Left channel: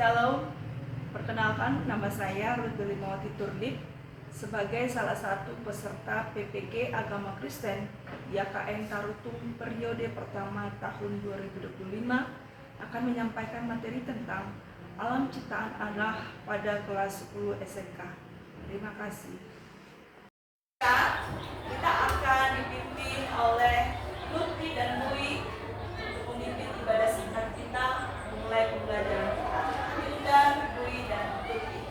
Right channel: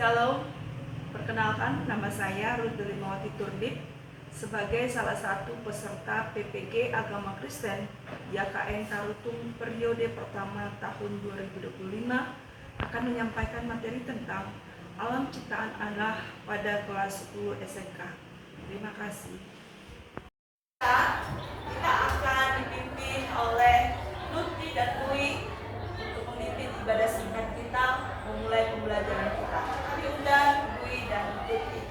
Shalom, perkenalkan nama saya Ruth Delimawati Turdip sebagai salah satu peserta PPG Agama Kristen YKN Tarutung periode pertama tahun 2025 akan menyampaikan materi tentang alam ciptaan Allah pada kelas 10 SMK. Terima kasih. Kita akan dipimpin oleh Lutfi dan Mui untuk memimpin ibadah singkat kita memulai pembelajaran kita. Kami undang Mui dan Lutfi.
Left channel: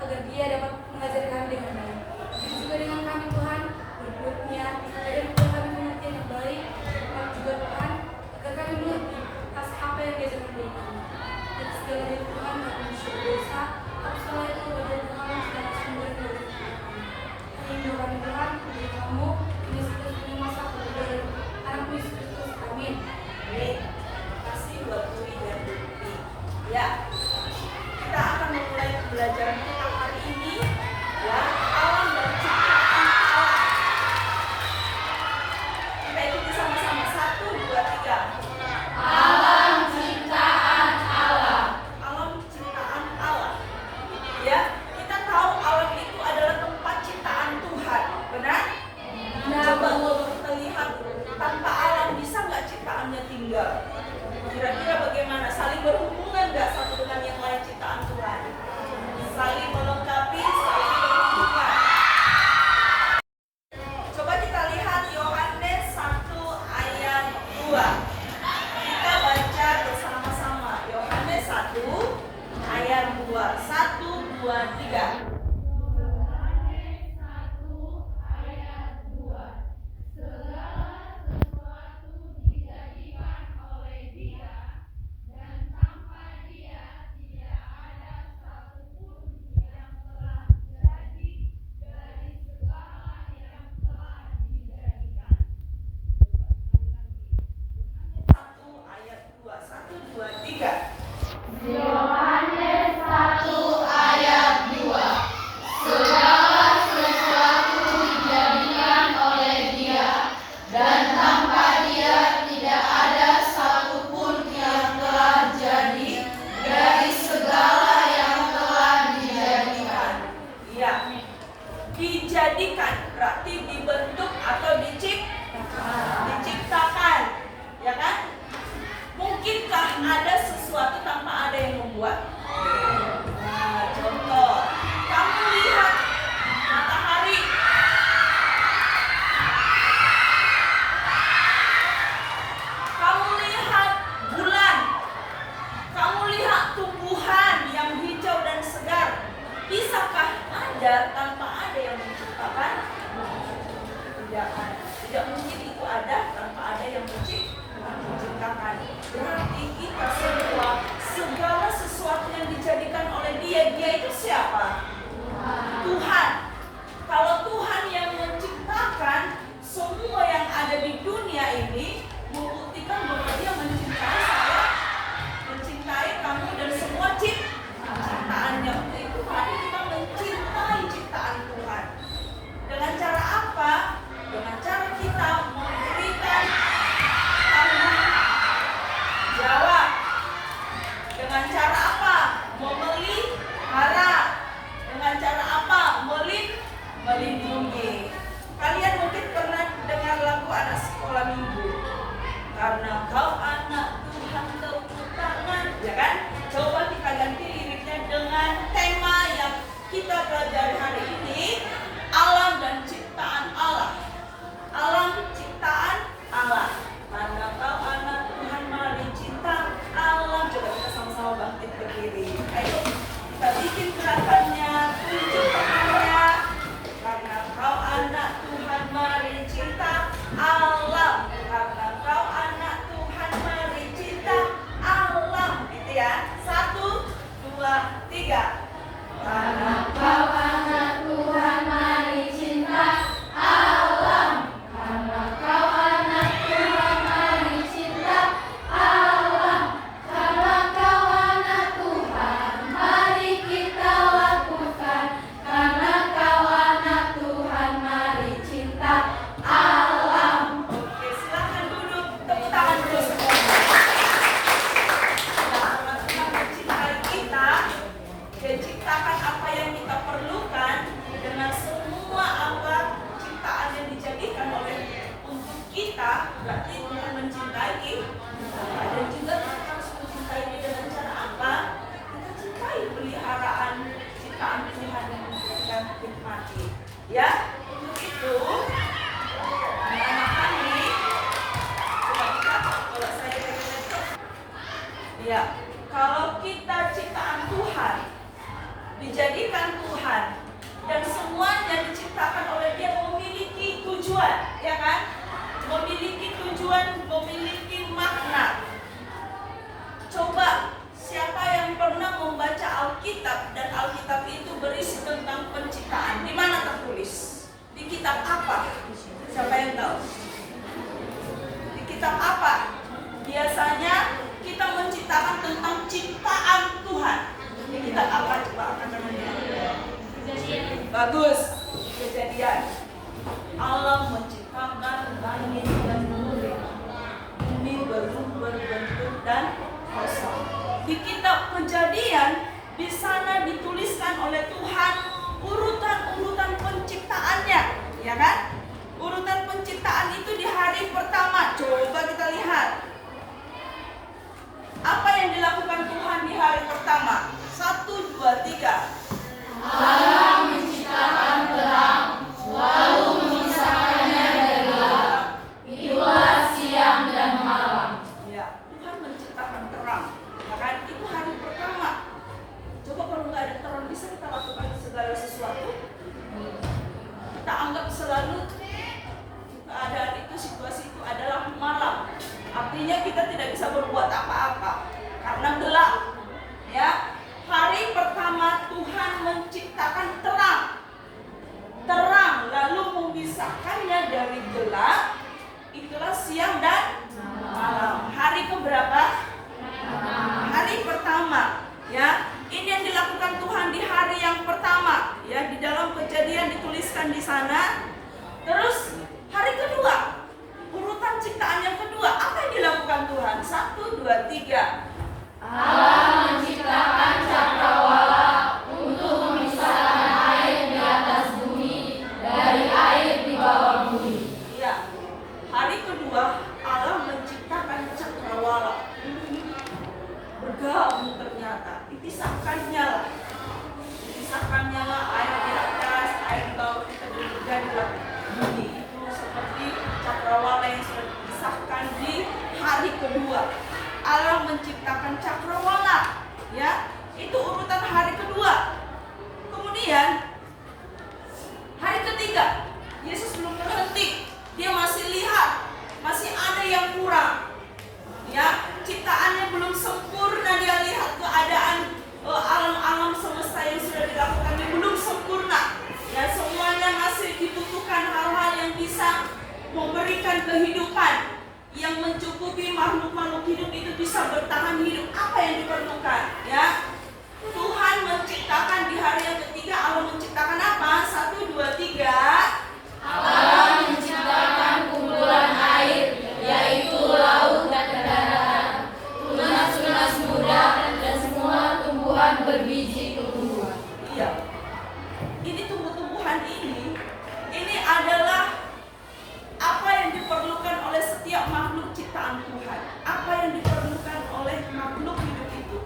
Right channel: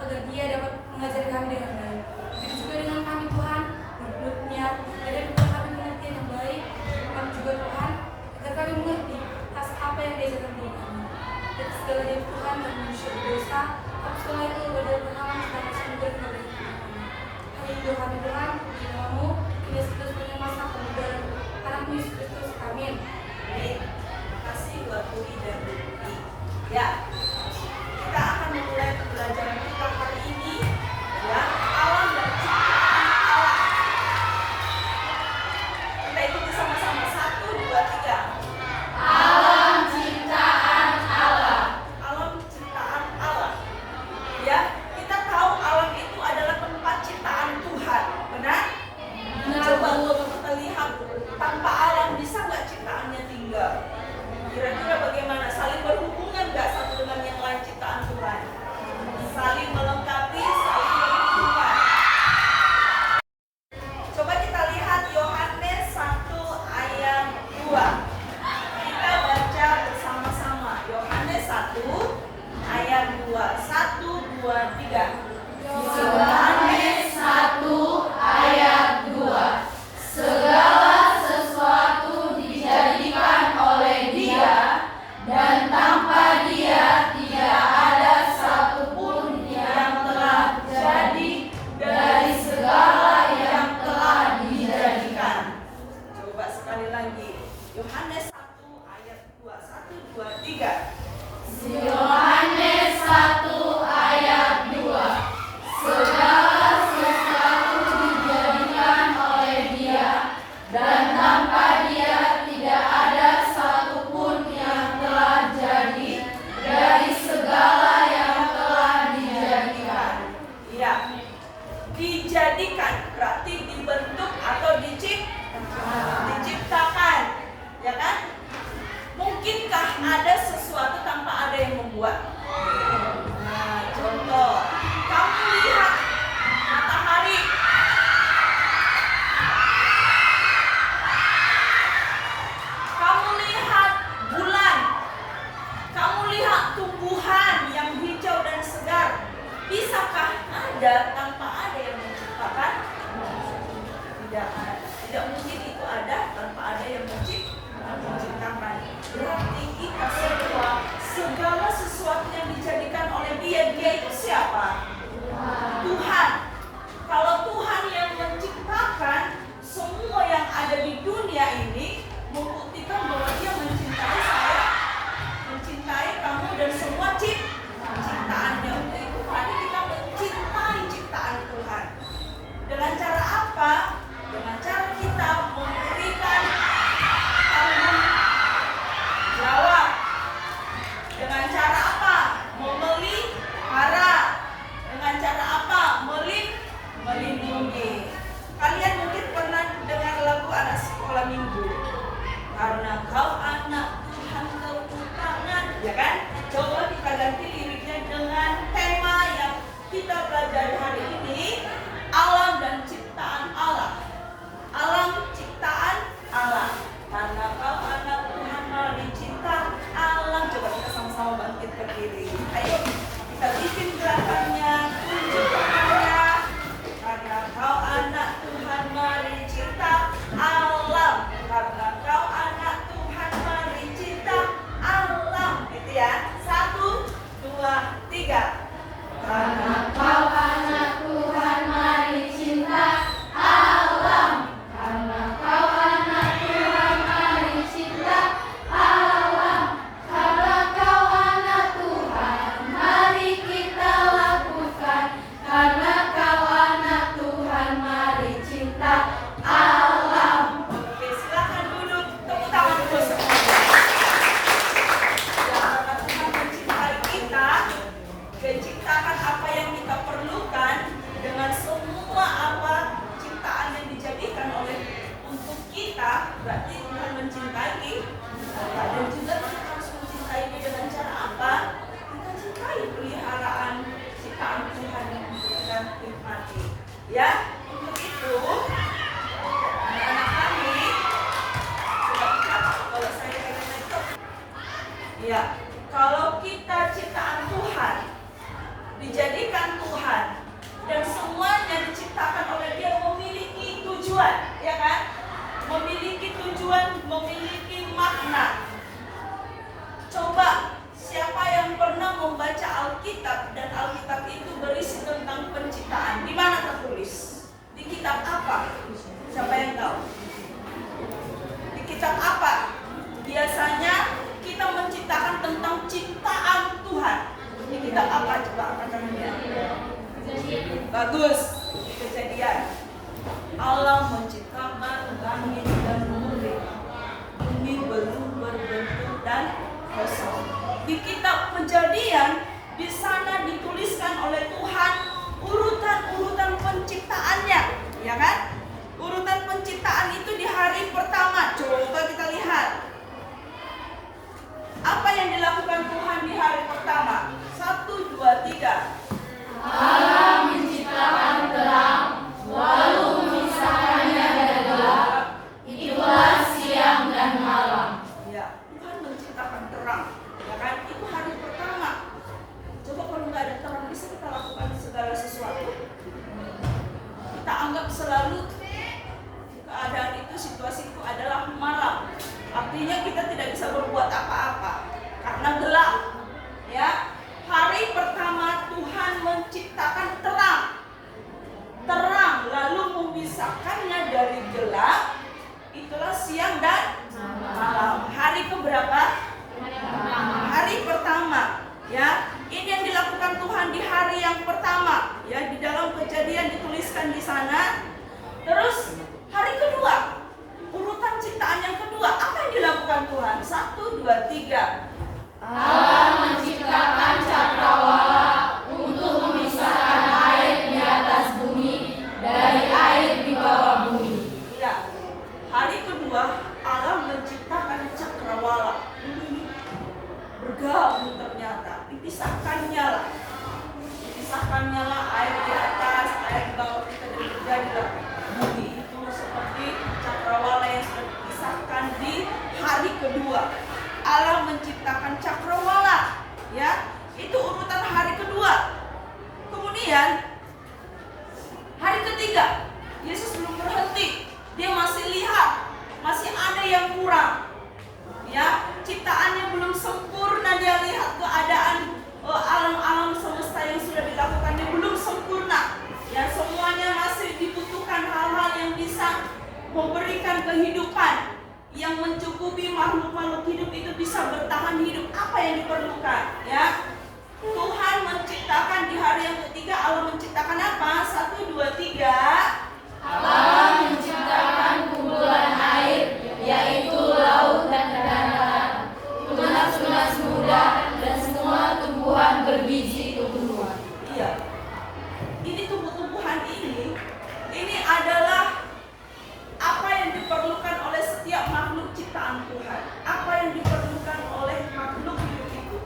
Agar dia dapat mengajar kami dengan baik. Begitu juga dengan kami Tuhan, menurutnya, agar kami mengerti yang baik, kami juga Tuhan, agar kami mengerti atas apa yang diajarkan kepada kami. Dan segala dari Tuhan kami bersyukur dosa, tapi setelah itu dari Tuhan sedang sumber dari kami. Kami doa kami Tuhan, di namamu, Yesus Kristus punya masa dari anak Yesus Kristus. Amin. Terima kasih buat Mui dan Lutfi. Ya, kita akan memulai pembelajaran kita hari ini, ya, alam dan ciptaan Allah. Kita ikuti sama-sama, 1, 2, 3. Alam ciptaan Allah. Alam ciptaan Allah. Ya, kita tahu alam itu adalah tempat ciptaan Tuhan, benar? Coba kalau kita lihat, tanpa alam bisa nggak ciptaannya tinggal? Kira-kira bagaimana? Saling berhubungan nggak satu dengan yang lain ciptaan Tuhan? Saling melengkapi, saling berhubungan. Coba kita lihat Yohanes 1 ayat 2. Kita baca bersama-sama. Yohanes 1 ayat 2. 1, 2, 3. Yohanes 1 ayat 2. Segala sesuatu dijadikan oleh Dia, dan tanpa Dia tidak ada satupun yang telah jadi dari segala yang telah dijadikan. Coba sekali lagi. Yohanes 1 ayat 2. 1, 2, 3. Yohanes 1 ayat 2. Segala sesuatu dijadikan oleh Dia, dan tanpa Dia tidak ada satupun yang telah jadi dari segala yang telah dijadikan. Iya. Dijadikan berarti dibentuk atau diciptakan. Ya kan? Mungkinkah ada sesuatu tanpa ada yang membuat? Nah, contoh, kamu lihat matahari. Kamu lihat bulan. Kamu lihat tumbuhan yang hijau dan segar. Bisakah ada tanpa ada yang menciptakan? Tidak. Tidak mungkin itu ada tanpa ada yang menciptakan. Berarti kita semua, segala sesuatu yang dijadikan oleh Dia itu siapa? Tuhan. Kalau Tuhan yang menciptakan semua yang ada di dunia ini, membuktikan bahwa Dia mencintai saya ya kan? Coba kita ganti liriknya dengan tema yang kita pelajari hari ini, alam dan ciptaan Allah. Alam ciptaan Allah. Karena kau anak Tuhan, mari cinta alam. Coba kita sama-sama bangkit berdiri. Ayo kita bikin gerakannya, tunjuk tangannya. Karena kau anak Tuhan, mari cinta alam. Karena kau anak Tuhan, mari cinta alam. Gitu ya. 1, 2, 3. Karena kau anak Tuhan, mari cinta alam. Karena kau anak Tuhan, mari cinta alam. Karena kau anak Tuhan, mari kita lakukan. Karena kau anak Tuhan, mari cinta alam. Oke, silakan duduk. Tepuk tangan dulu semuanya. Ya, karena Tuhan mencintai kita, Dia ciptakan apa yang kita perlukan dengan semua apa ciptaan yang dijadikan oleh untuk kita. Berarti Tuhan mencintai kita, dan juga kita harus mencintai Dia dengan cara apa? Kita cintai peliharaan ciptaan Tuhan yang kita nikmati. Ya, untuk itu anak-anak kami, coba lihat kalau saya pegang laptop. Ya, kalau kita ciptaan Tuhan, dijadikan Tuhan, dan semuanya diciptakan oleh Dia memiliki tujuan, ya kan? Memiliki tujuan, memiliki makna. Coba siapa yang pernah membaca Alkitab dan Alkitab itu berisi tentang penciptaan? Di mana tertulis? Di kitab apa? Siapa yang tahu? Di kitab apa? Biasanya kita menciptakan tentang ciptaan Tuhan. Di kitab apa coba kata-katanya? Bagus. Kejadian. Allah menciptakan langit dan bumi. Bumi berbentuk dan kosong. Di kitab Kejadian, di sana dituliskan oleh Tuhan urutan-urutan penciptaannya, ya kan? Urutan penciptaan itu di hari pertama. Coba kita lihat. Apa yang dilakukan Tuhan di hari pertama? 1, 2, 3. Allah menciptakan terang, lalu memisahkannya dari gelap. Itulah siang dan malam. Ya, Tuhan menciptakan terang. Ya kan? Itu hari pertama. Coba kalau nggak ada terang, bisa kita lakukan segala sesuatu? Kita anggap selalu keadaan itu, situasi itu adalah malam. Artinya kita tidak bisa berbuat apa-apa karena gelap. Ya, hari pertama Tuhan menciptakan terang. Terang lalu memisahkannya dari gelap. Itulah siang dan malam. Hari keberapa? Hari pertama. Ya, ini yang dilakukan Tuhan di hari yang pertama. Ya, di dalam Kejadian dituliskan di sana. Terus hari kedua, urutan ciptaan yang kedua, apa yang dilakukan Tuhan? 1, 2, 3. Allah menciptakan cakrawala untuk memisahkan air di atas bumi dari air di bawah bumi. Ya, hari kedua Allah menciptakan cakrawala. Bergabung ternyata, dipisahkannya lah air di atas, air di bawah, kita juga di dalam bumi. Itu seperti cakrawala yang sudah dipisahkan di hari kedua. Allah menciptakan cakrawala, ya, itu urutan hari kedua. Kemudian hari ketiga, Yesus belum berhenti, dia masih lihat, masih ada yang kurang, ya, ciptaannya belum sempurna. Dia lihat keadaan alam-alam semesta yang sudah dilakukannya belum sempurna, ya, semuanya masih dibutuhkan hal-hal yang bisa memberikan kehidupan, yang mencukupi makhluk-makhluk hidup itu bisa bertahan hidup. Apa yang diperlukan? Ya, Tuhan menciptakan di hari yang ketiga. Allah menciptakan apa? 1, 2, 3. Allah menciptakan kumpulan air, yaitu laut dan daratan, tunas-tunas muda dan semua tumbuhan berbiji tumbuhan. Iya. Ini tumbuh-tumbuhan ini adalah apa yang diperlukan oleh setiap makhluk ciptaan Tuhan. Apa yang diperlukan oleh makhluk hidup itu.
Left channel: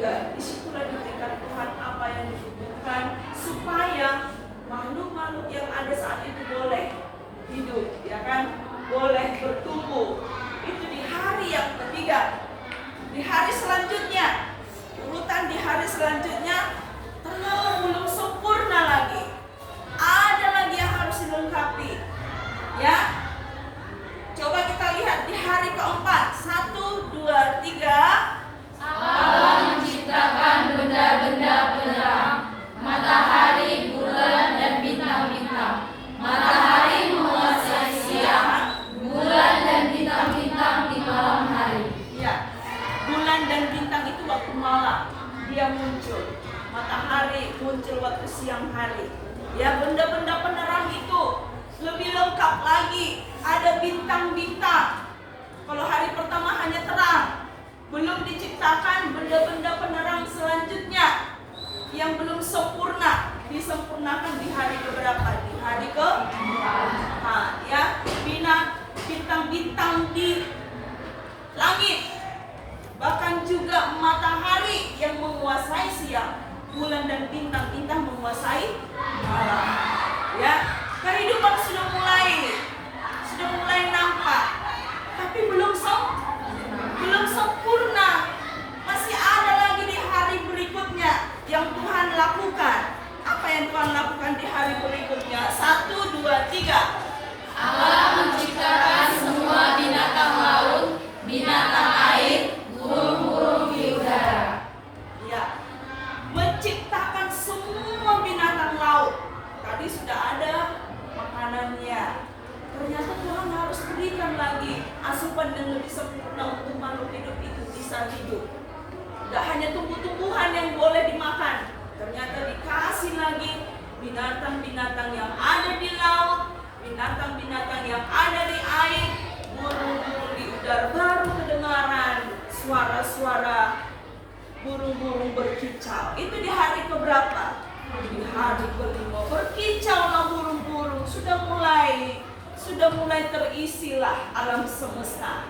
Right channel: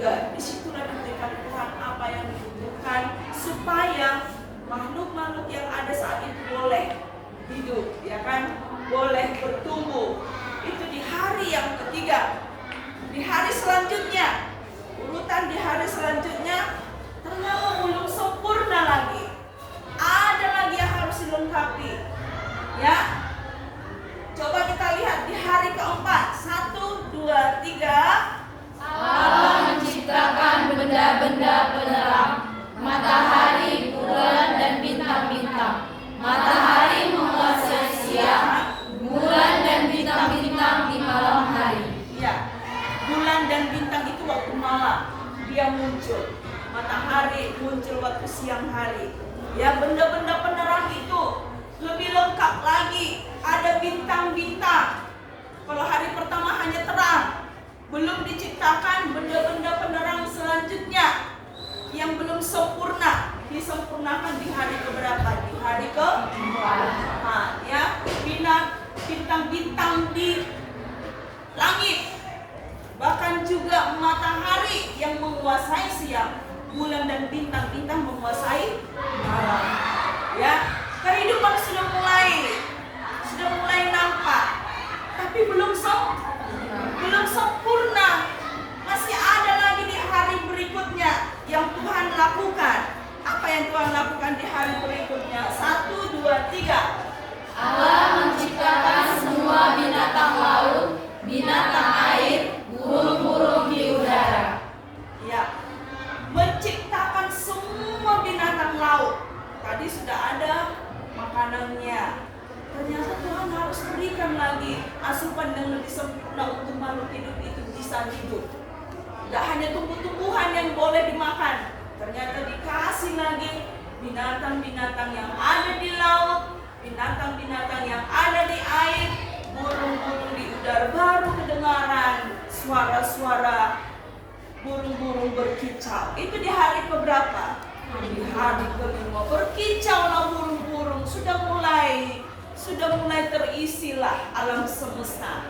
juga disitulah diberikan Tuhan apa yang dibutuhkan supaya makhluk-makhluk yang ada saat itu boleh hidup, ya kan, boleh bertumbuh. Itu di hari yang ketiga. Di hari selanjutnya, urutan di hari selanjutnya ternyata belum sempurna lagi. Ada lagi yang harus dilengkapi, ya. Coba kita lihat di hari keempat. 1, 2, 3. Allah menciptakan benda-benda penerang, matahari, bulan, dan bintang-bintang. Matahari menguasai siang, bulan dan bintang-bintang di malam hari. Ya, bulan dan bintang itu waktu malam dia muncul. Matahari muncul waktu siang hari. Ya, benda-benda penerang itu lebih lengkap lagi. Ada bintang-bintang. Kalau hari pertama hanya terang, belum diciptakan benda-benda penerang selanjutnya yang belum sempurna, disempurnakan di hari keberapa? Di hari ke-4. Ya, bintang-bintang di langit, bahkan juga matahari yang menguasai siang, bulan dan bintang-bintang menguasai malam. Ya, kehidupan sudah mulai nampak, tapi belum sempurna. Masih ada lagi di hari berikutnya yang Tuhan lakukan. Apa yang Tuhan lakukan di hari berikutnya? 1, 2, 3. Allah menciptakan semua binatang laut, binatang air, burung-burung di udara. Ya, menciptakan semua binatang laut. Tadi sudah ada makanannya. Ternyata Tuhan harus berikan lagi asupan yang lebih sempurna untuk makhluk hidup itu bisa hidup. Gak hanya tumbuh-tumbuhan yang boleh dimakan, ternyata dikasih lagi binatang-binatang yang ada di laut, binatang-binatang yang ada di air, burung-burung di udara. Baru kedengaran suara-suara burung-burung berkicau. Itu di hari keberapa? Di hari kelima. Berkicaulah burung-burung. Sudah mulai terisilah alam semesta,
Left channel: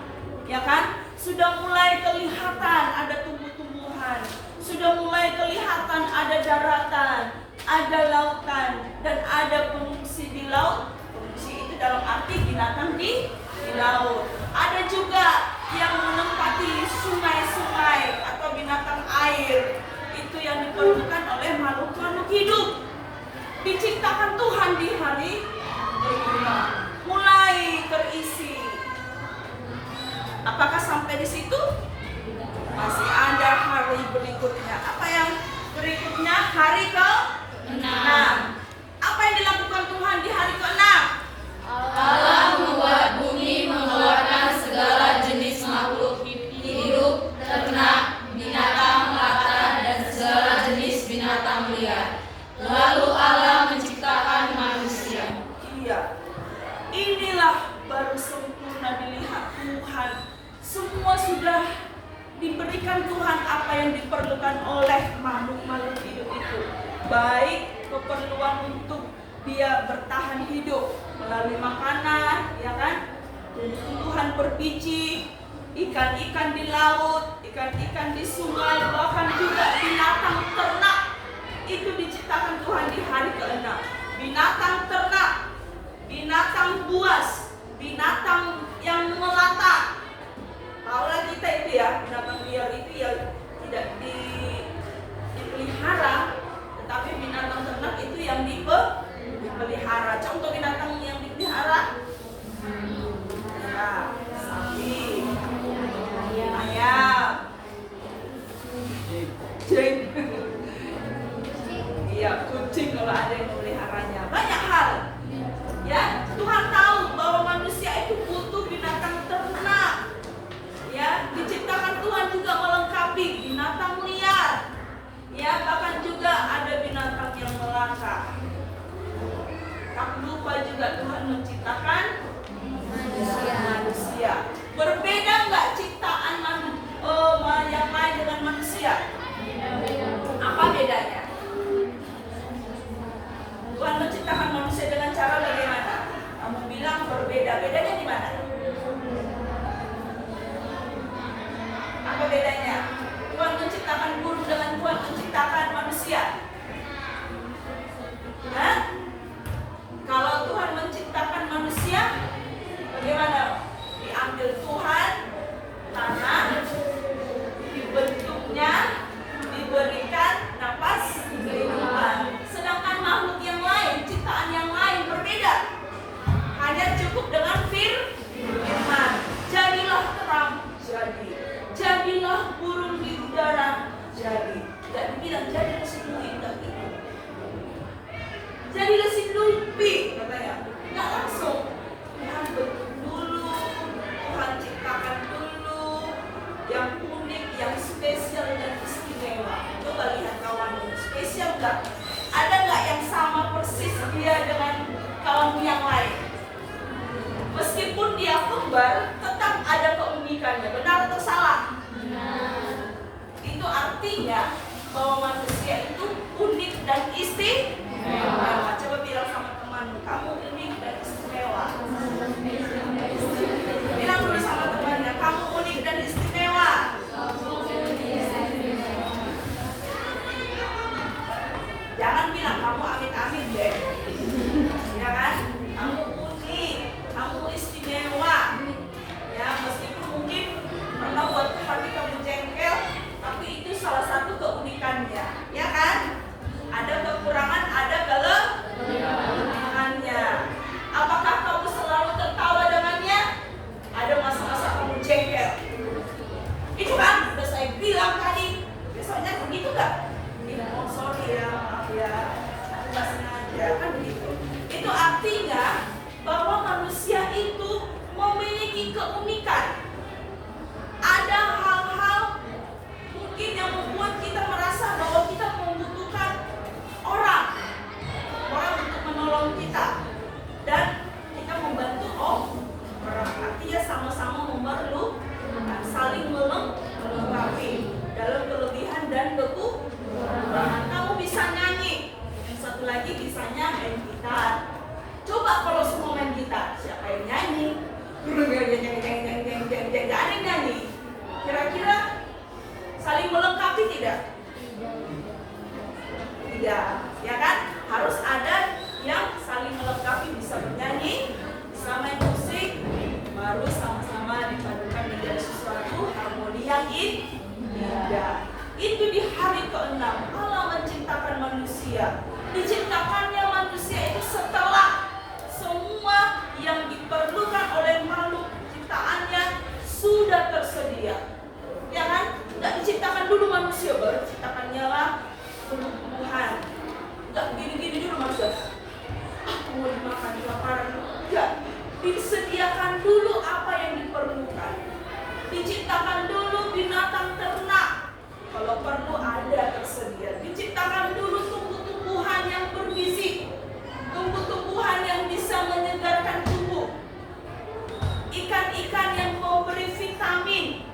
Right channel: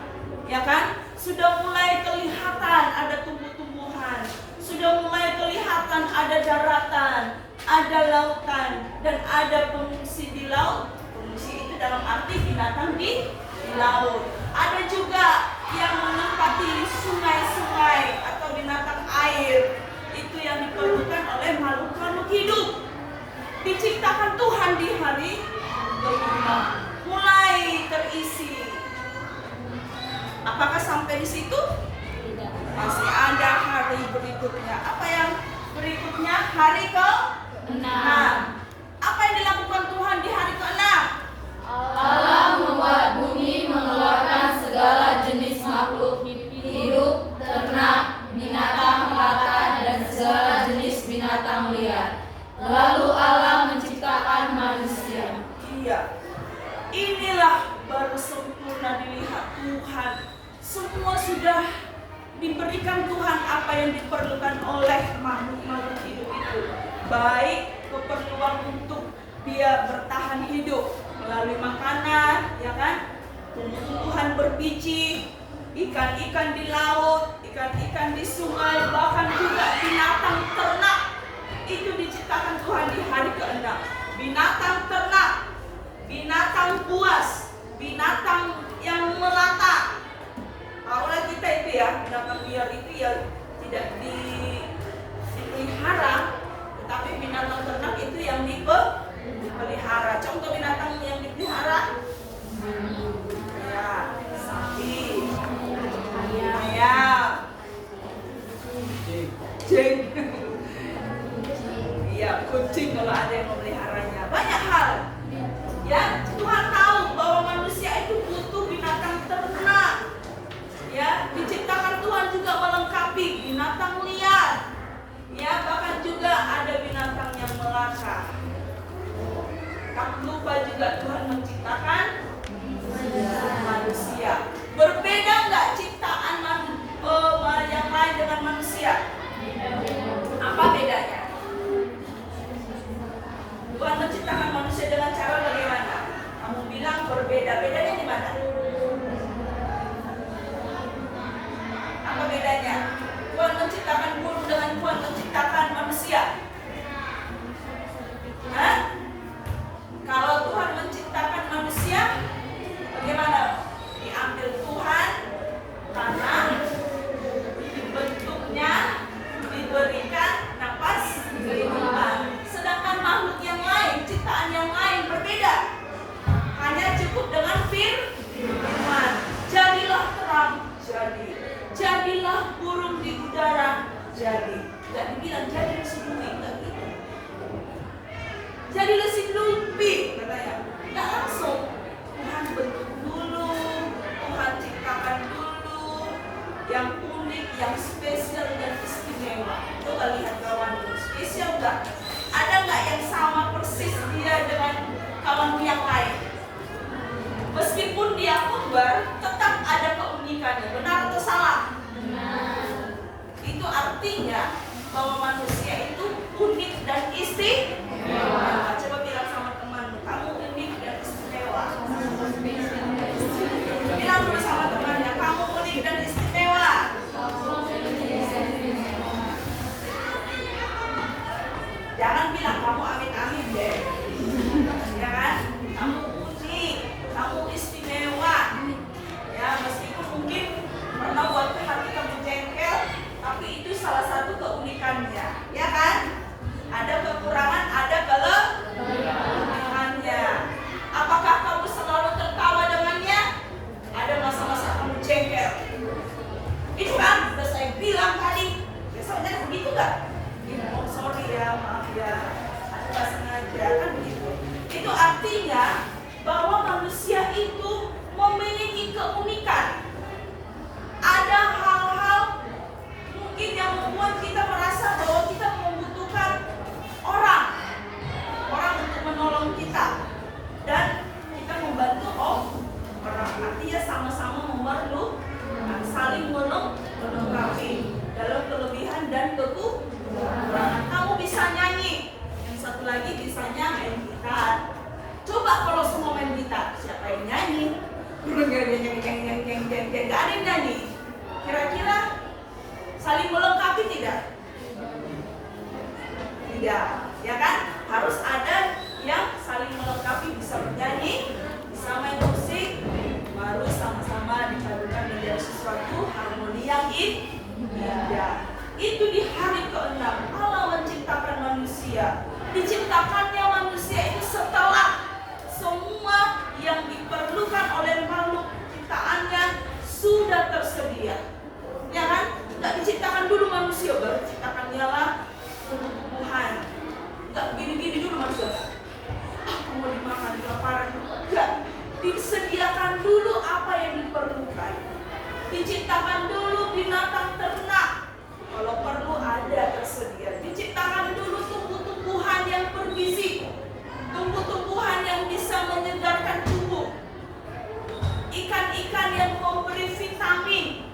ya kan? Sudah mulai kelihatan ada tumbuh-tumbuhan, sudah mulai kelihatan ada daratan, ada lautan, dan ada pengungsi di laut. Pengungsi itu dalam arti binatang di laut. Ada juga yang menempati sungai-sungai atau binatang air. Itu yang diperlukan oleh makhluk-makhluk hidup. Diciptakan Tuhan di hari kelima, mulai terisi. Apakah sampai di situ? Masih ada hari berikutnya. Apa yang berikutnya? Hari ke-6. Apa yang dilakukan Tuhan di hari ke-6? Allah membuat bumi mengeluarkan segala jenis makhluk hidup, ternak, binatang melata, dan segala jenis binatang liar. Lalu Allah menciptakan manusia. Iya. Inilah baru sempurna dilihat Tuhan. Semua sudah diberikan Tuhan apa yang diperlukan oleh makhluk-makhluk hidup itu. Baik keperluan untuk dia bertahan hidup melalui makanan, ya kan? Tumbuh-tumbuhan berbiji, ikan-ikan di laut, ikan-ikan di sungai, bahkan juga binatang ternak. Itu diciptakan Tuhan di hari ke-6. Binatang ternak, binatang buas, binatang yang melata. Tahulah kita itu ya, binatang liar itu ya tidak dipelihara, tetapi binatang ternak itu yang dipelihara. Contoh binatang yang dipelihara, ya, sapi, ayam, kucing, iya kucing kalau ada yang memeliharanya. Banyak hal. Ya, Tuhan tahu bahwa manusia itu butuh binatang ternak. Ya, diciptakan Tuhan juga melengkapi binatang liar. Ya, bahkan juga ada binatang yang melata. Tak lupa juga Tuhan menciptakan manusia. Berbeda nggak ciptaan yang lain dengan manusia? Apa bedanya? Tuhan menciptakan manusia dengan cara bagaimana? Kamu bilang berbeda. Bedanya di mana? Apa bedanya? Tuhan menciptakan burung burung di udara jadi. Tidak dibilang jadilah si Nuhi, tidak gitu. Jadilah si Nuhi, katanya. Tidak langsung. Tuhan bentuk dulu, Tuhan ciptakan dulu yang unik, yang spesial dan istimewa. Coba lihat kawanmu, spesial nggak? Ada nggak yang sama persis dia dengan kawanmu yang lain? Meskipun dia kembar, tetap ada keunikannya. Benar atau salah? Itu artinya bahwa manusia itu unik dan istimewa. Coba bilang sama temanmu, kamu unik dan istimewa. Bilang dulu sama temannya, kamu unik dan istimewa. Jangan bilang kamu amin-amin deh. Ya kan? Kamu unik, kamu istimewa. Ya, meskipun mungkin pernah buat hati kamu jengkel, tapi itu salah satu keunikannya, ya kan? Ada kekurangan, ada kelebihannya. Apakah kamu selalu tertawa dengannya? Ada masa-masa kamu jengkel. Itu kan udah saya bilang tadi. Biasanya begitu nggak? Oh, sorry ya, maaf ya, aku nggak sengaja, kan begitu. Itu artinya bahwa manusia itu memiliki keunikan. Ada hal-hal mungkin yang membuat kita merasa bahwa kita membutuhkan orang untuk menolong kita, dan kita membantu orang. Artinya sama-sama memerlukan, saling melengkapi dalam kelebihan dan kekurangan. Kamu bisa nyanyi, yang satu lagi bisanya main gitar. Coba kalau semua main gitar, siapa yang nyanyi? Gak ada yang nyanyi. Kira-kira saling melengkapi tidak? Tidak, ya kan? Harus ada yang saling melengkapi, bisa bernyanyi, bisa main musik, baru sama-sama dipadukan menjadi sesuatu harmoni yang indah. Itu di hari ke-6 Allah menciptakan manusia. Diciptakannya manusia itu setelah semua yang diperlukan oleh makhluk ciptaannya sudah tersedia. Ya kan? Tidak diciptakan dulu manusia, baru diciptakannya lah tumbuh-tumbuhan. Tidak begini-gini dulu manusia. Mau dimakan, kelaparan. Tidak. Disediakan dulu apa yang diperlukan. Diciptakan dulu binatang ternak. Kalau perlu ada tersedia. Diciptakan dulu tumbuh-tumbuhan yang bergizi. Tumbuh-tumbuhan yang bisa menyegarkan tubuh. Ikan-ikan yang memberi vitamin,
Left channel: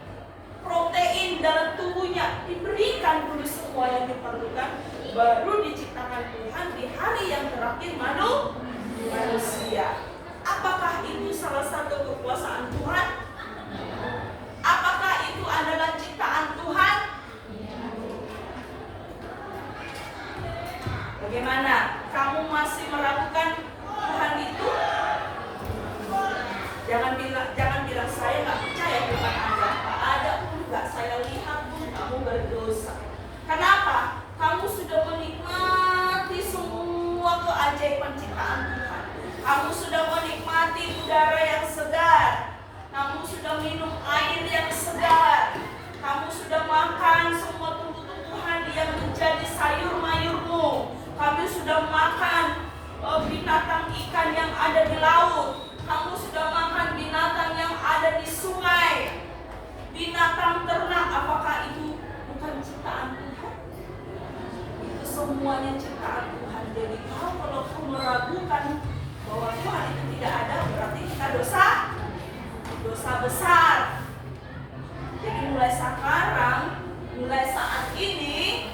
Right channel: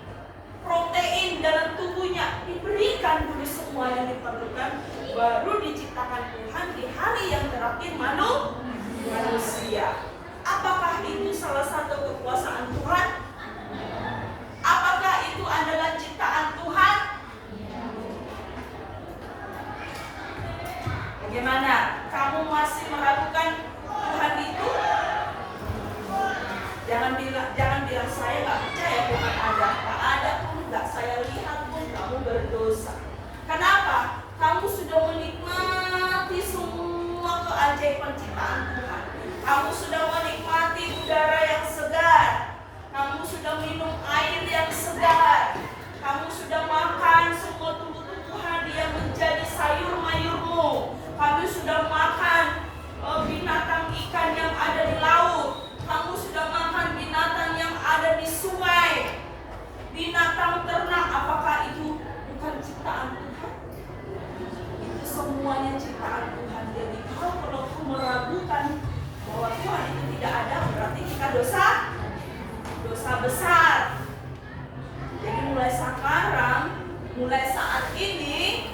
protein dalam tubuhnya. Diberikan dulu semua yang diperlukan. Baru diciptakan Tuhan di hari yang terakhir manusia. Apakah itu salah satu kekuasaan Tuhan? Apakah itu adalah ciptaan Tuhan? Bagaimana? Kamu masih meragukan Tuhan itu? Jangan bilang saya nggak percaya Tuhan ada. Nggak ada pun, nggak saya lihat pun kamu berdosa. Kenapa? Kamu sudah menikmati semua keajaiban ciptaan Tuhan. Kamu sudah menikmati udara yang segar. Kamu sudah minum air yang segar. Kamu sudah makan semua tumbuh-tumbuhan yang menjadi sayur mayurmu. Kamu sudah makan binatang ikan yang ada di laut. Kamu sudah makan binatang yang ada di sungai. Binatang ternak, apakah itu bukan ciptaan Tuhan? Itu semuanya ciptaan Tuhan. Jadi kalau kamu meragukan bahwa Tuhan itu tidak ada, berarti kita dosa besar. Jadi mulai sekarang, mulai saat ini,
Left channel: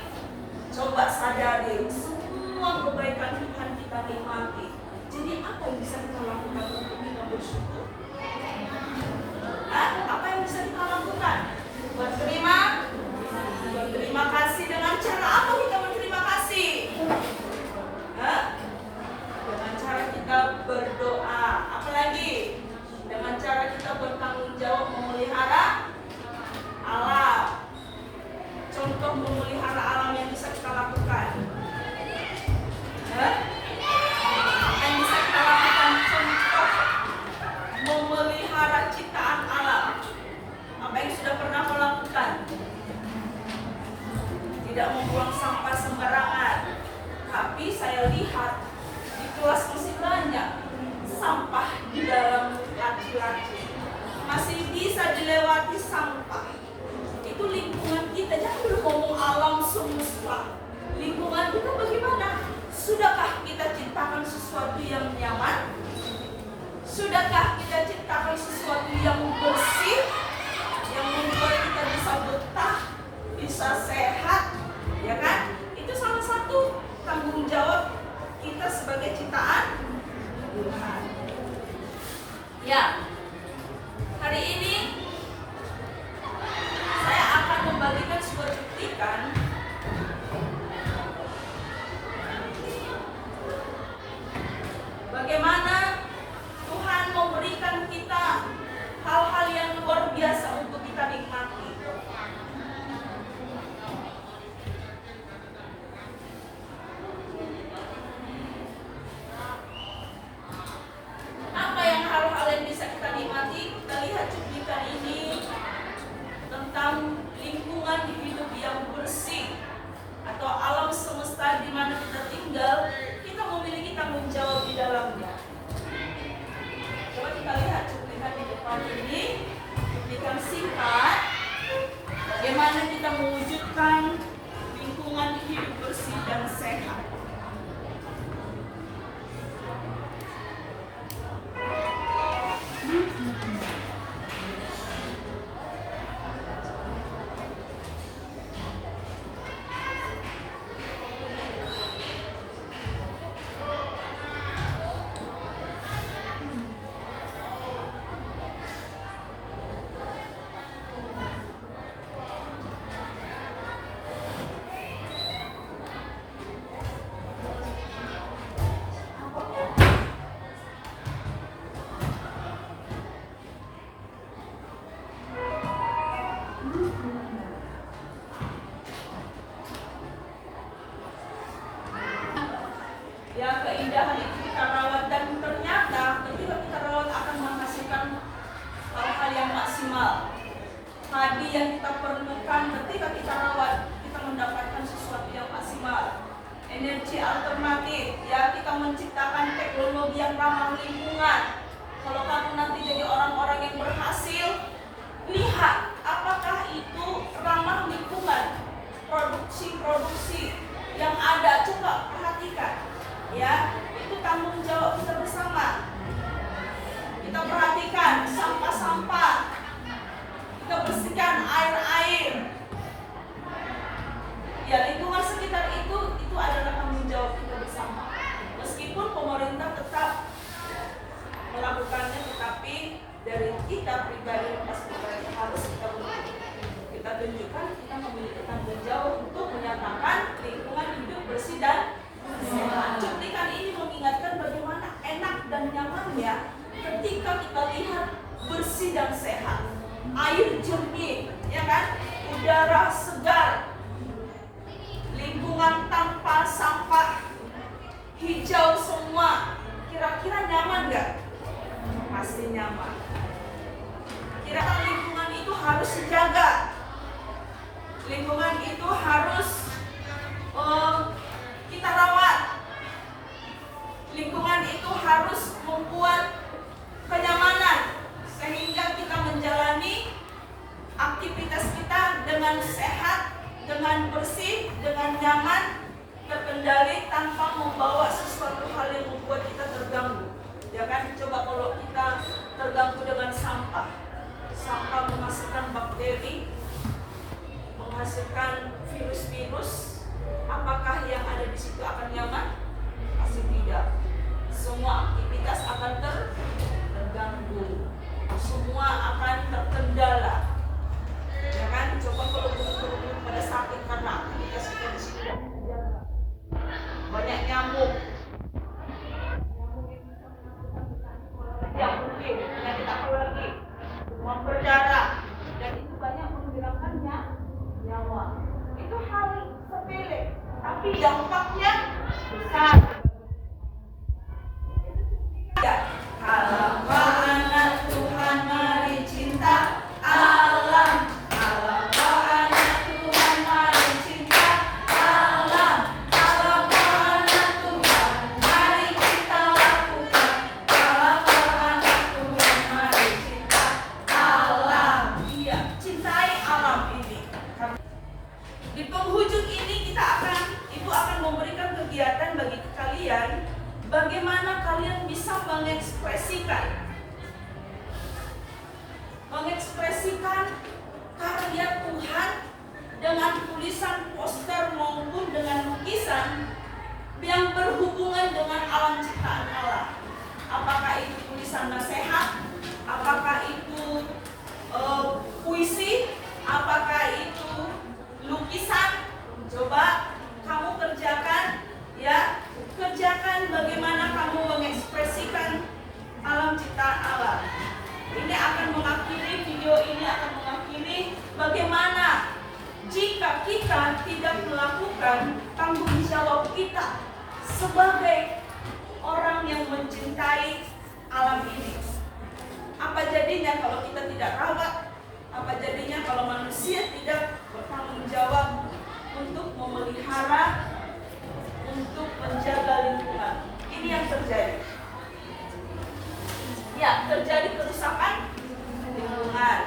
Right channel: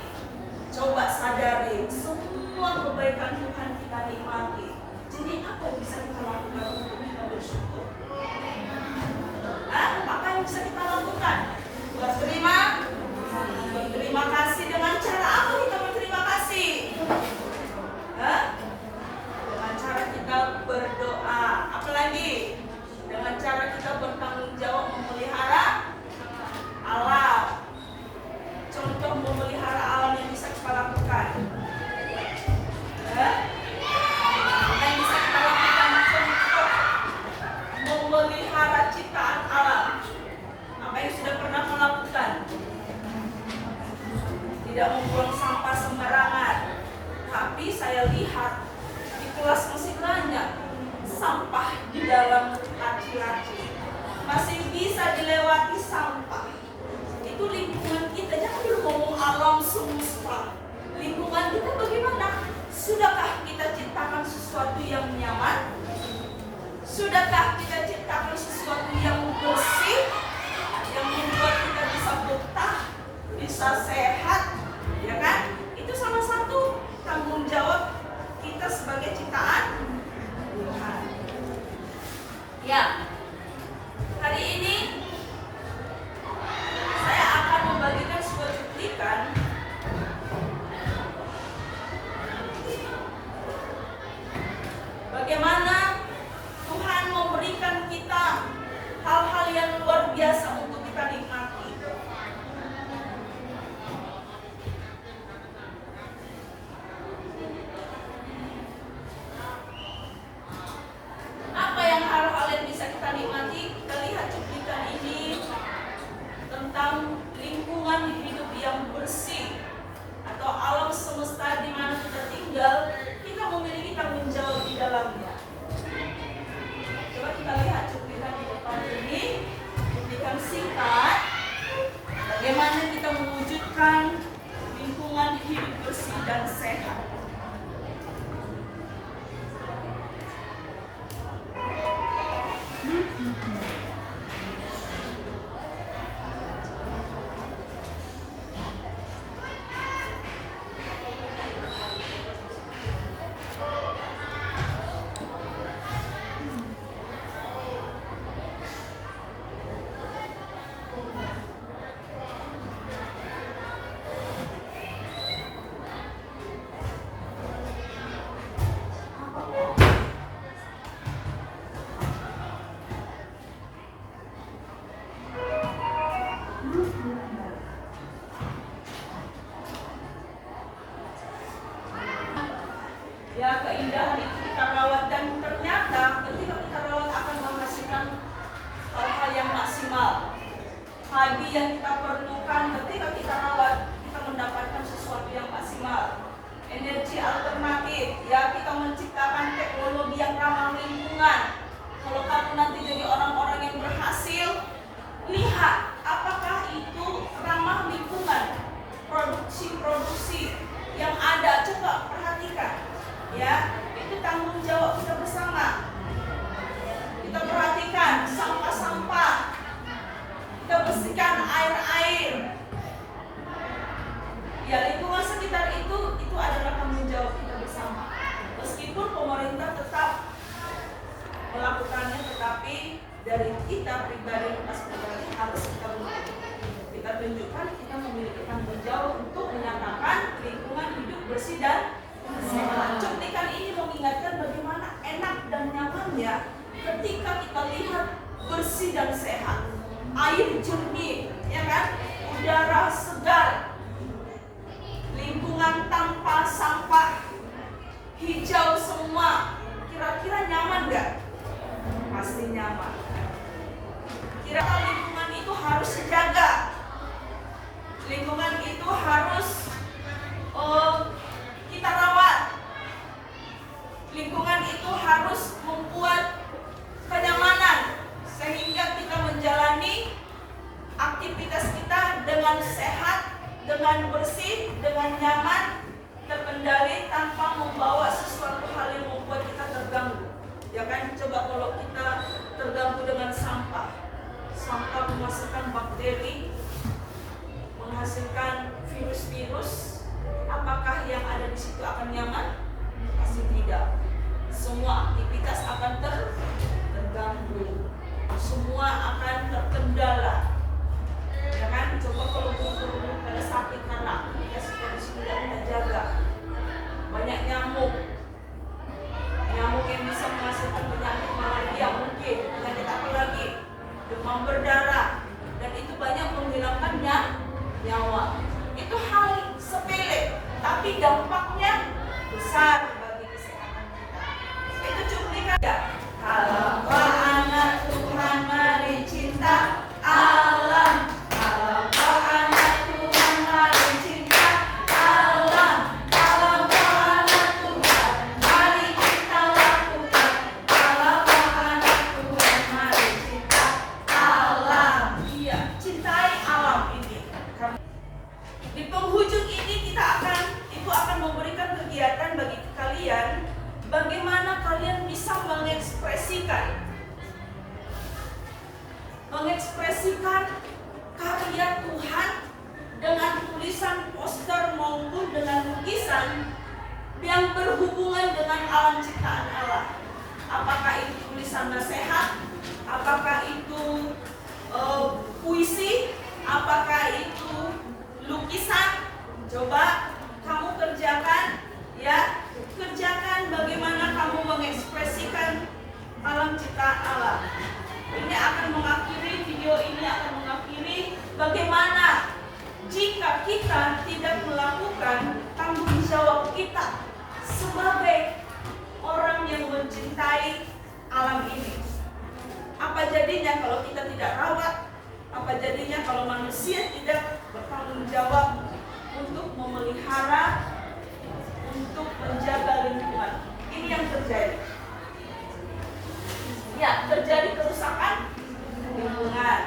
coba sadari semua kebaikan Tuhan kita nikmati. Jadi apa yang bisa kita lakukan untuk kita bersyukur? Apa yang bisa kita lakukan? Berterima kasih. Dengan cara apa kita berterima kasih? Dengan cara kita berdoa. Apalagi? Dengan cara kita bertanggung jawab memelihara alam. Contoh memelihara alam yang bisa kita lakukan. Yang bisa kita lakukan contoh memelihara ciptaan alam. Apa yang sudah pernah melakukan? tidak membuang sampah sembarangan. Tapi saya lihat di kelas masih banyak sampah di dalam laci-laci, masih bisa dilewati sampah. Itu lingkungan kita, jangan dulu ngomong alam semesta. Lingkungan kita bagaimana? Sudahkah kita ciptakan sesuatu yang nyaman? Sudahkah kita ciptakan sesuatu yang bersih, yang membuat kita bisa betah, bisa sehat, ya kan? Itu salah satu tanggung jawab kita sebagai ciptaan Tuhan. Ya, hari ini saya akan membagikan sebuah cuplikan bagaimana Tuhan memberikan kita hal-hal yang luar biasa untuk kita nikmati. Apa yang hal-hal yang bisa kita nikmati? Kita lihat cuplikan ini tentang lingkungan hidup yang bersih atau alam semesta di mana kita tinggal. Kita memiliki tanggung jawab di dalamnya. Coba kita lihat cuplikan di depan ini, cuplikan singkat bagaimana kita mewujudkan lingkungan hidup bersih dan sehat. Ya, keindahan itu kita rawat dan ternyata ketika kita rawat akan menghasilkan hal-hal yang maksimal. Padi yang kita perlukan ketika kita rawat, kita mendapatkan sesuatu yang maksimal. Energi alternatif, ya, kita menciptakan teknologi yang ramah lingkungan. Kalau kamu nanti jadi orang-orang yang berhasil, lihat apakah itu ramah lingkungan. Produksi-produksi yang ada, coba perhatikan. Ya, itu tanggung jawab kita bersama. Kita perhatikan sampah-sampah, kita bersihkan air-air. Ya, lingkungan sekitar itu adalah tanggung jawab kita bersama. Meskipun pemerintah tetap melakukannya, tetapi dari kita pribadi, lepas pribadi harus kita tunjukkan kita memiliki tanggung jawab untuk menyatakan lingkungan hidup bersih dan sehat. Cuplikan ini mengingatkan bagaimana enak dan nyamannya ketika kita lihat bersih dan sehat, air jernih, ya kan, udara segar, lingkungan tanpa sampah, hijau semua. Kira-kira nyaman nggak? Pasti nyaman. Kira-kira lingkungan itu harus dijaga. Lingkungan itu harus kita rawat. Lingkungan itu harus membuat kenyamanan sehingga kita menjalani aktivitas kita dengan sehat, dengan bersih, dengan nyaman, terkendali tanpa membawa sesuatu hal yang membuat kita terganggu. Ya kan, coba kalau kita terganggu dengan sampah, sampah menghasilkan bakteri, menghasilkan virus-virus, apakah yang ada di situ akan nyaman? Pasti tidak. Semua aktivitas akan terganggu, semua akan terkendala. Ya kan, coba kalau burung-burung pada sakit karena aktivitas kita di sini tidak kita jaga, banyak nyamuk yang bisa menghasilkan penyakit malaria, mungkin penyakit apa lagi, demam berdarah, dan itu banyak menghilangkan nyawa. Itu hal sepele, tapi dampaknya besar bagi kesehatan kita. Itu cuplikan ya. Alangkah anak Tuhan, mari cinta alam. Alangkah anak Tuhan, mari cinta Di penghujung ini Ibu akan memberikan kegiatan bagi kalian bagaimana kalian bisa mengekspresikan karya Tuhan dengan tulisan poster maupun dengan lukisan yang berhubungan dengan alam ciptaan Allah. Apakah itu tulisan nasihat, apakah itu puisi, apakah itu lukisan. Coba kamu kerjakan bagaimana kamu mengekspresikan alam ciptaan Allah. Ini akan mengakhiri, video ini akan mengakhiri bagaimana jika kita tidak melakukan tanggung jawab kita sebagai orang yang mencintai alam ini. Apa jadinya kalau kita tidak rawat? Apa jadinya kalau manusia tidak bertanggung jawab untuk memelihara, untuk menjaga lingkungan? Ini yang terjadi. Ya, terjadi kerusakan lingkungan.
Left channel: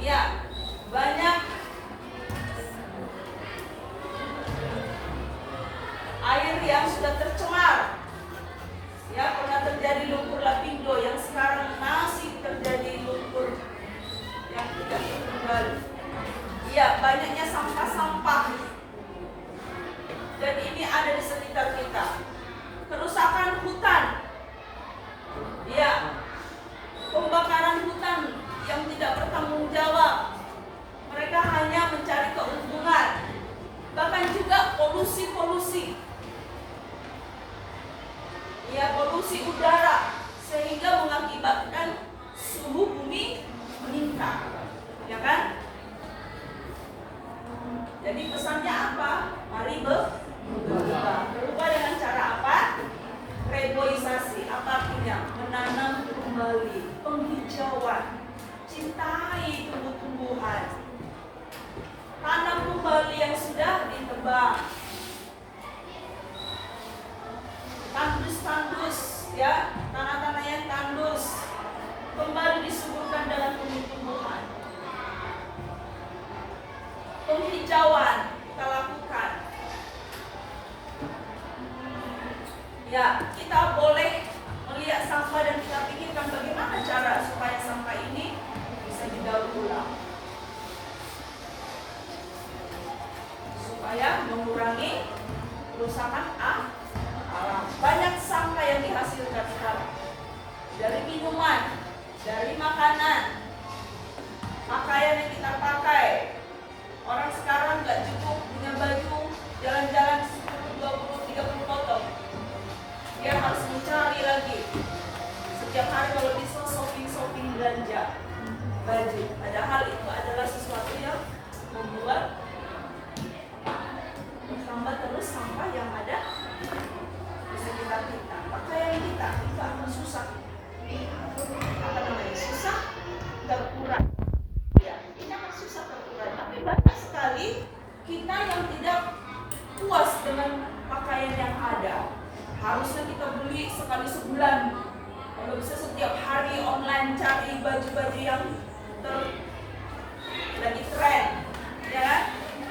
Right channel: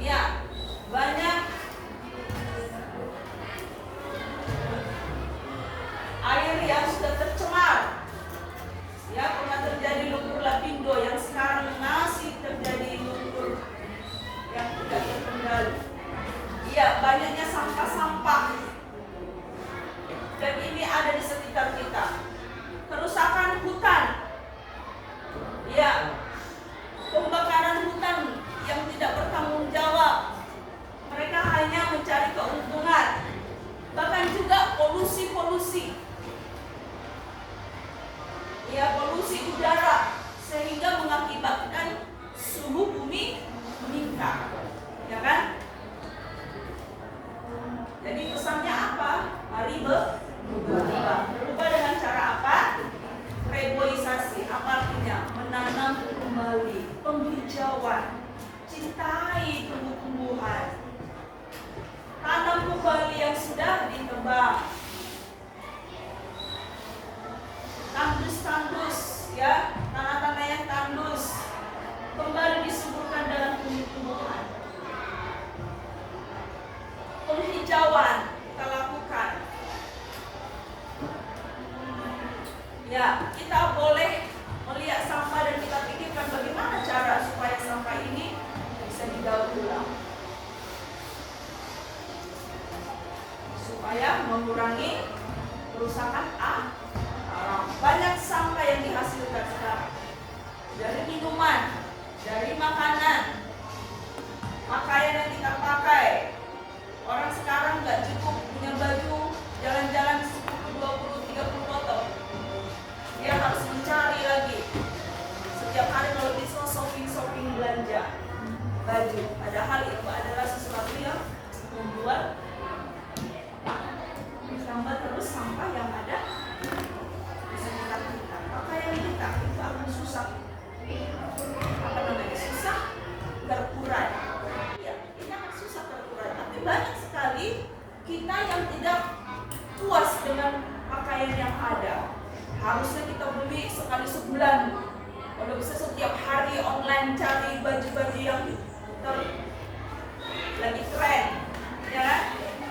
Ya, banyak air yang sudah tercemar. Ya, pernah terjadi lumpur lapindo yang sekarang masih terjadi lumpur yang tidak terkendali. Ya, banyaknya sampah-sampah. Dan ini ada di sekitar kita. Kerusakan hutan. Ya, pembakaran hutan yang tidak bertanggung jawab. Mereka hanya mencari keuntungan. Bahkan juga polusi. Ya, polusi udara sehingga mengakibatkan suhu bumi meningkat. Ya kan? Jadi pesannya apa? Mari berubah. Berubah dengan cara apa? Reboisasi. Apa artinya? Menanam kembali, penghijauan. Cintai tumbuh-tumbuhan. Tanam kembali yang sudah ditebang. Tandus, ya, tanah-tanah yang tandus kembali disuburkan dalam tumbuh-tumbuhan. Penghijauan kita lakukan. Ya, kita boleh melihat sampah dan kita pikirkan bagaimana cara supaya sampah ini bisa didaur ulang, supaya mengurangi kerusakan alam. Banyak sampah yang dihasilkan sekarang dari minuman, dari makanan, pakaian yang kita pakai. Orang sekarang nggak cukup punya baju jalan-jalan 10, 20, 30 foto. Dia harus mencari lagi. Setiap hari kalau bisa shopping belanja baju. Padahal itu adalah sesuatu yang membuat bertambah terus sampah yang ada di sekitar kita. Pakaian kita itu akan susah. Susah terurai. Ya, ini akan susah terurai. Tapi banyak sekali kita yang tidak puas dengan pakaian yang ada. Harusnya kita beli sekali sebulan. Kalau bisa setiap hari online cari baju-baju yang lagi tren, ya kan?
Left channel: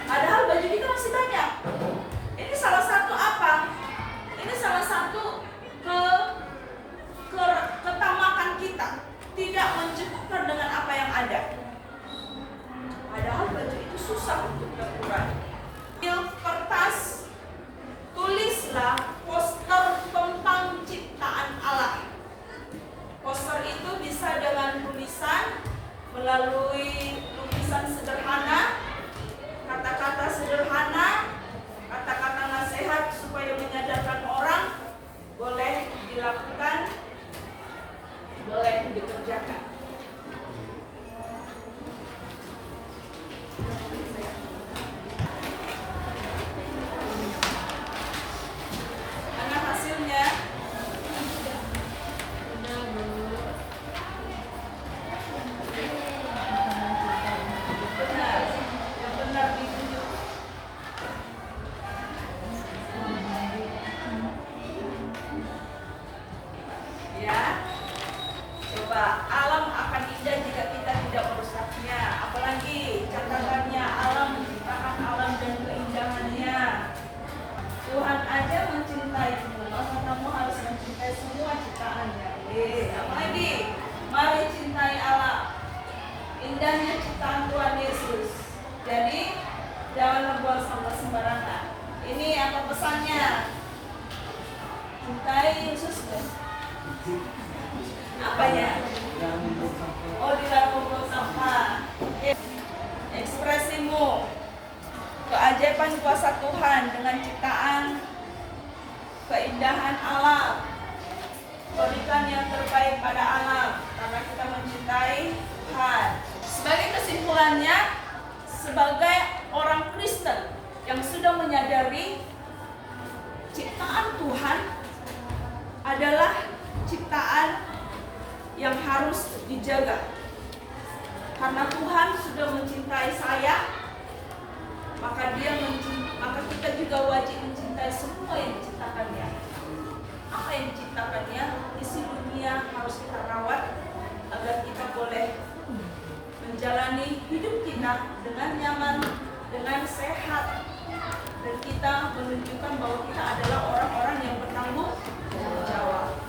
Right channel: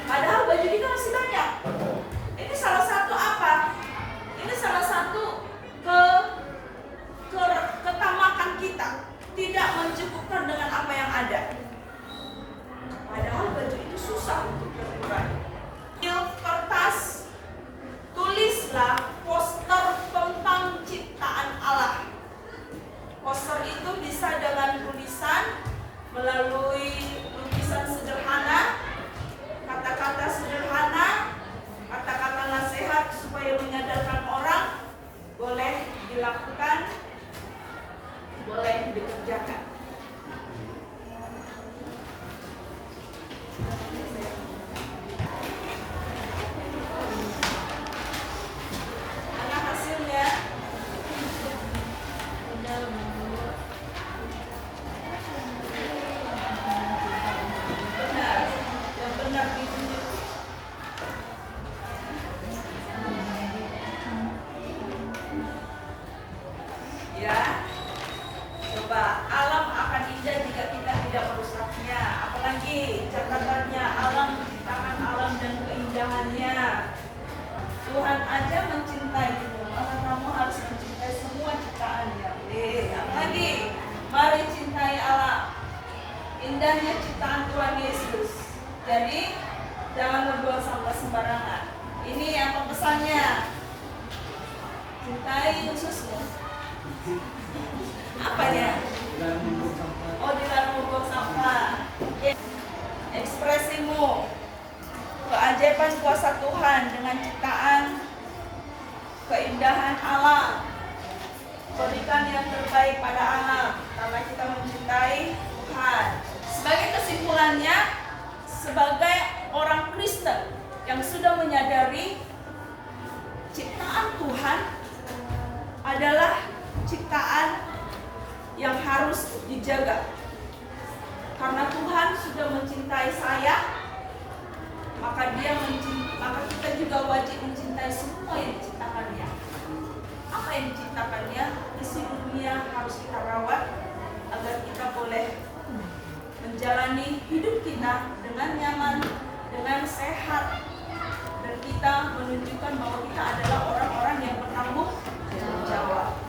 Padahal baju kita masih banyak. Ini salah satu apa? Ini salah satu ketamakan kita, tidak mencukupkan dengan apa yang ada. Padahal baju itu susah untuk terurai. Kertas, tulislah poster tentang ciptaan Allah. Poster itu bisa dengan tulisan melalui ciptaan Tuhan Yesus. Jadi jangan membuang sampah sembarangan. Ini apa pesannya? Cintai Yesus ya. Apanya? Oh, dilarang membuang sampah. Ekspresimu, keajaiban kuasa Tuhan dengan ciptaan, keindahan alam. Berikan yang terbaik pada alam karena kita mencintai Tuhan. Sebagai kesimpulannya, sebagai orang Kristen yang sudah menyadari ciptaan Tuhan adalah ciptaan yang harus dijaga. Karena Tuhan sudah mencintai saya, maka kita juga wajib mencintai semua yang diciptakannya. Apa yang diciptakannya? Isi dunia harus kita rawat agar kita boleh menjalani hidup kita dengan nyaman, dengan sehat, dan kita menunjukkan bahwa kita adalah orang-orang yang bertanggung jawab.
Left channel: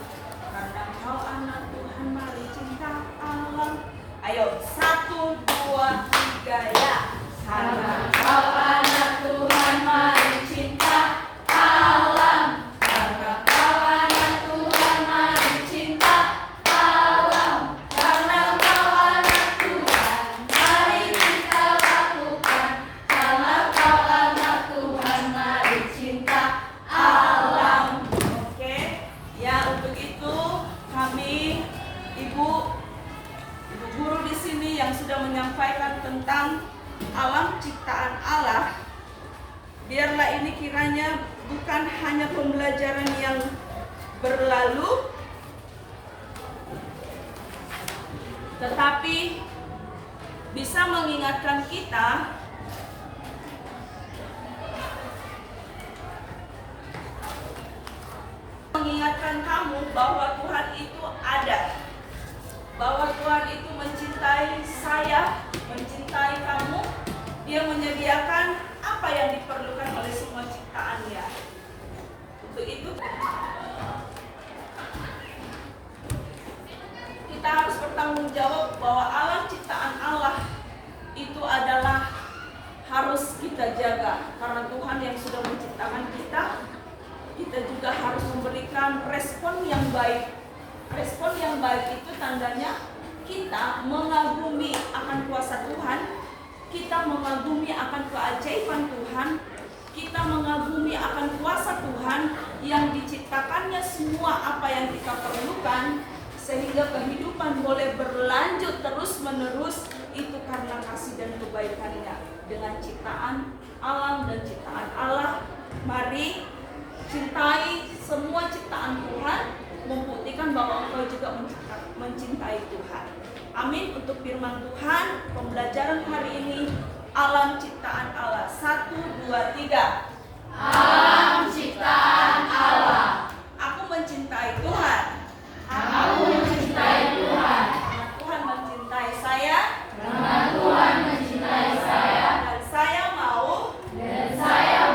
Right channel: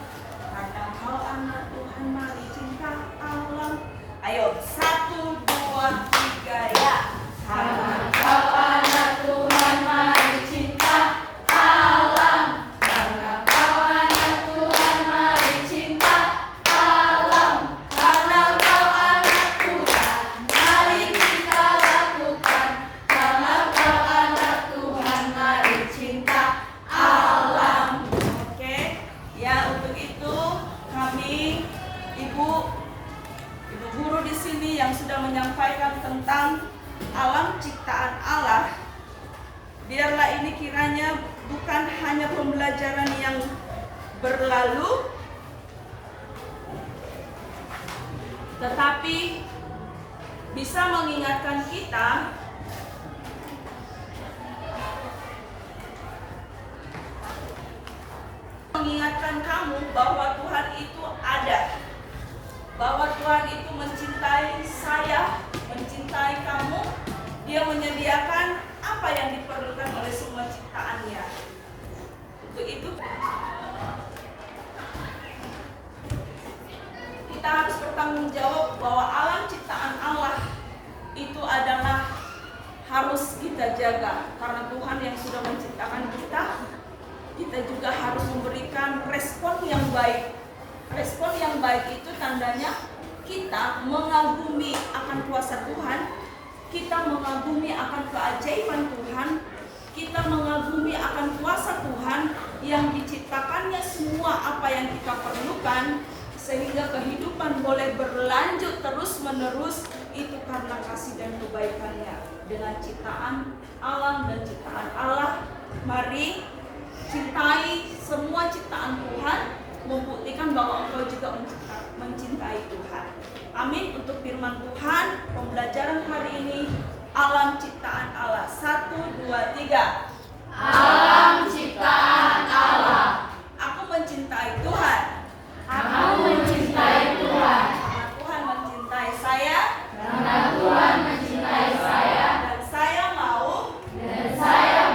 Karena kau anak Tuhan, mari cinta alam. Ayo, 1, 2, 3 ya. Karena kau anak Tuhan, mari cinta alam. Karena kau anak Tuhan, mari cinta alam. Karena kau anak Tuhan, mari kita lakukan. Karena kau anak Tuhan, mari cinta alam. Oke, ya untuk itu kami ibu guru di sini yang sudah menyampaikan tentang alam ciptaan Allah. Biarlah ini kiranya bukan hanya pembelajaran yang berlalu, tetapi bisa mengingatkan kita kamu bahwa Tuhan itu ada, bahwa Tuhan itu mencintai saya, mencintai kamu. Dia menyediakan apa yang diperlukan oleh semua ciptaannya. Untuk itu kita harus bertanggung jawab bahwa alam ciptaan Allah itu adalah harus kita jaga. Karena Tuhan yang sudah menciptakan kita, kita juga harus memberikan respon yang baik. Respon yang baik itu tandanya kita mengagumi akan kuasa Tuhan, kita mengagumi akan keajaiban Tuhan, kita mengagumi akan kuasa Tuhan yang diciptakannya semua apa yang kita perlukan, sehingga kehidupan boleh berlanjut terus menerus. Itu karena kasih dan kebaikannya. Dengan ciptaan alam dan ciptaan Allah, mari cintai semua ciptaan Tuhan, membuktikan bahwa engkau juga mencintai Tuhan. Amin. Untuk firman Tuhan, pembelajaran hari ini, alam ciptaan Allah. 1, 2, 3. Alam ciptaan Allah. Aku mencintai Tuhan. Aku mencintai Tuhan. Karena Tuhan mencintai saya. Karena Tuhan mencintai saya. Dan saya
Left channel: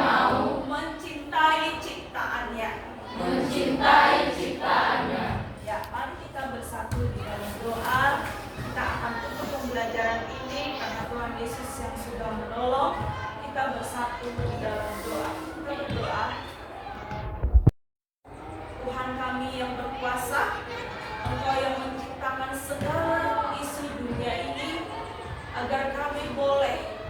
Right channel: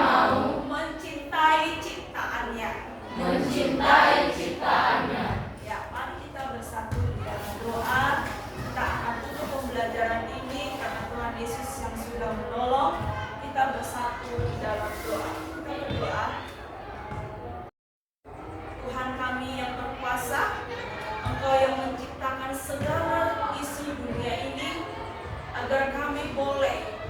mau mencintai ciptaannya. Mencintai ciptaannya. Ya, mari kita bersatu di dalam doa. Kita akan tutup pembelajaran ini karena Tuhan Yesus yang sudah menolong. Kita bersatu di dalam doa. Kita berdoa. Tuhan kami yang berkuasa, Engkau yang menciptakan segala isi dunia ini, agar kami boleh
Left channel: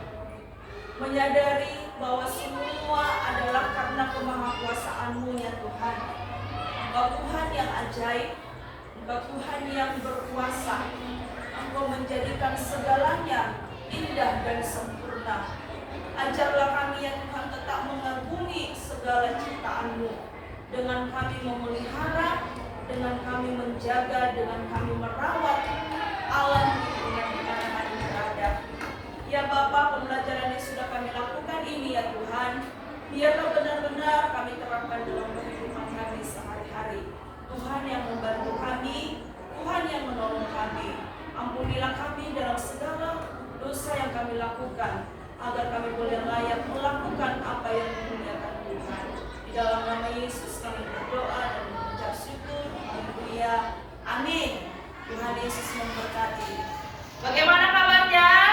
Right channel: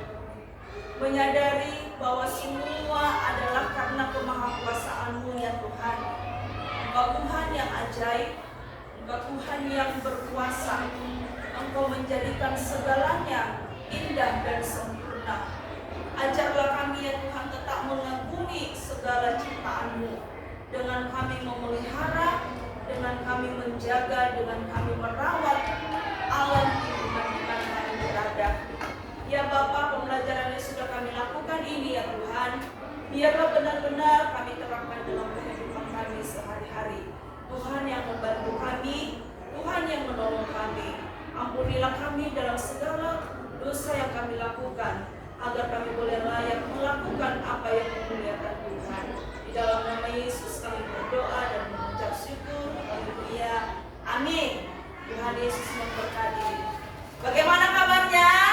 menyadari bahwa semua adalah karena kemahakuasaan-Mu ya Tuhan. Engkau Tuhan yang ajaib, Engkau Tuhan yang berkuasa. Engkau menjadikan segalanya indah dan sempurna. Ajarlah kami ya Tuhan tetap mengagumi segala ciptaan-Mu, dengan kami memelihara, dengan kami menjaga, dengan kami merawat alam di mana kami berada. Ya Bapa, pembelajaran yang sudah kami lakukan ini ya Tuhan, biarlah benar-benar kami terapkan dalam kehidupan kami sehari-hari. Tuhan yang membantu kami, Tuhan yang menolong kami. Ampunilah kami dalam segala dosa yang kami lakukan, agar kami boleh layak melakukan apa yang memuliakan Tuhan. Di dalam nama Yesus kami berdoa dan mengucap syukur. Haleluya. Amin. Tuhan Yesus memberkati. Bagaimana kabarnya?